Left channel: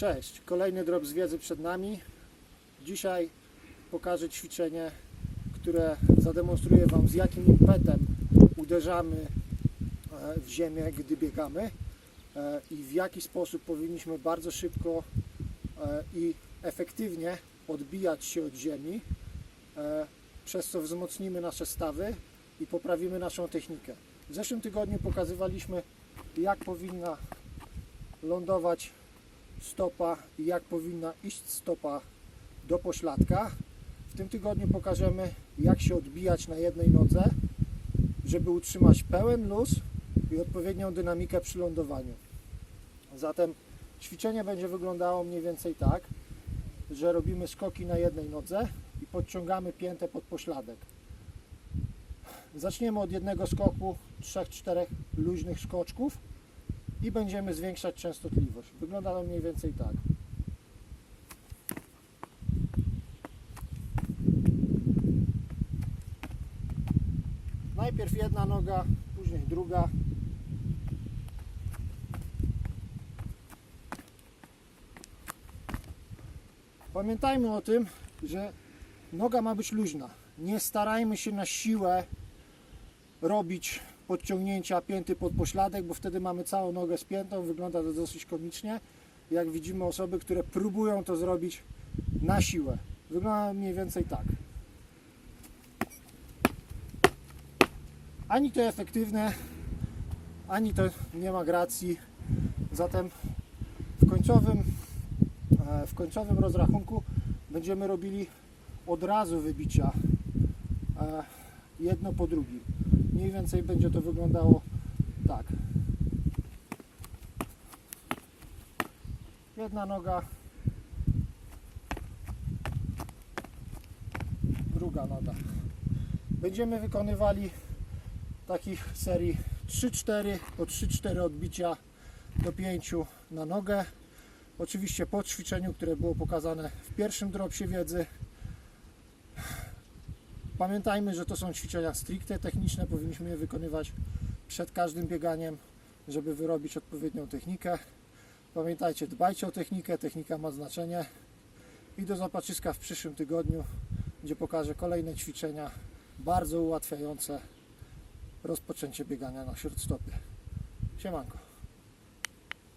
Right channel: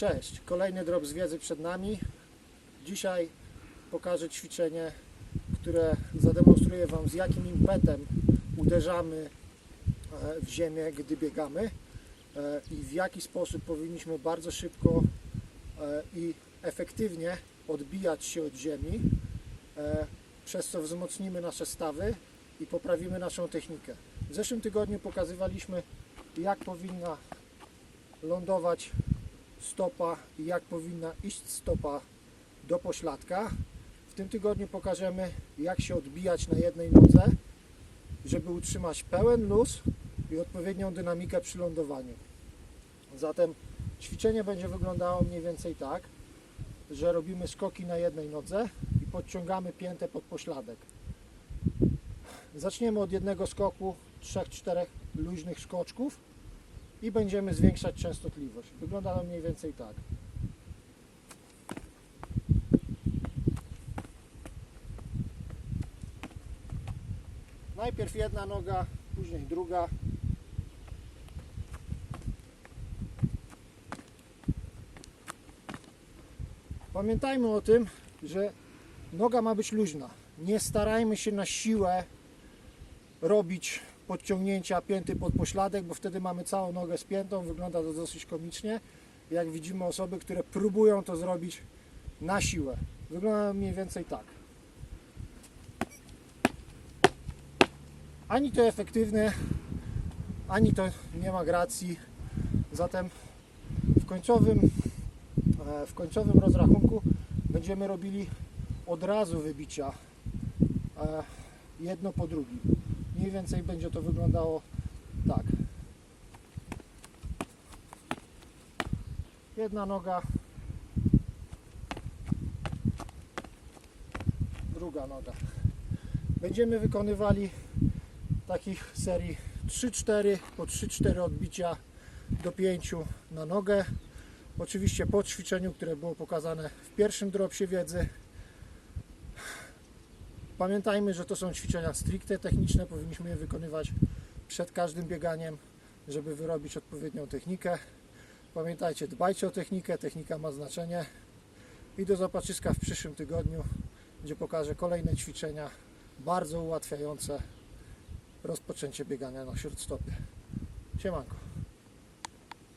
Cześć, kolejny drop z wiedzy przed nami. Dzisiaj pokażę ćwiczenie, które zademonstruje Wam z jakim impetem uderzamy e, w ziemię, gdy biegamy e, i w jaki sposób powinniśmy bardzo szybko e, i efektywnie odbijać się od ziemi, przez co wzmocnimy nasze stawy i poprawimy naszą technikę. W zeszłym tygodniu pokazywaliśmy, jak powinna lądować stopa i jak powinna iść stopa do pośladka. W tym tygodniu pokażemy, jak się odbijać na jednej nodze, żeby utrzymać pełen luz i odpowiednią dynamikę przy lądowaniu. Zatem ćwiczenie będzie wyglądało mniej więcej tak, że robimy skoki na jednej nodze i podciągamy piętę pod pośladek. Zaczniemy od jednego skoku, 3-4 luźnych skoczków i będziemy zwiększać częstotliwość. Wygląda to mniej więcej tak. Najpierw jedna noga, później druga. Pamiętajmy o tym, że noga ma być luźna. Nie starajmy się na siłę robić podciągnięcia pięty pod pośladek, bo wtedy mamy całą nogę spiętą, wygląda to dosyć komicznie. Jak widzimy osoby, które próbują to zrobić na siłę. Wygląda mniej więcej tak. Ani to efektywne, ani to nie ma gracji. Zatem w końcowym, e, w końcowym rozrachunku będziemy robili od razu wybicia e, jedno po drugim. Mniej więcej będzie to wyglądało tak. Jedna noga, druga noga. Będziemy wykonywali takich serii 3-4, po 3-4 odbicia do 5 na nogę. Oczywiście po ćwiczeniu, które było pokazane w pierwszym dropsie wiedzy. Pamiętajmy, że to są ćwiczenia stricte techniczne, powinniśmy je wykonywać przed każdym bieganiem, żeby wyrobić odpowiednią technikę. Pamiętajcie, dbajcie o technikę, technika ma znaczenie. I do zobaczyska w przyszłym tygodniu, gdzie pokażę kolejne ćwiczenia bardzo ułatwiające rozpoczęcie biegania na śródstopie. Siemanko.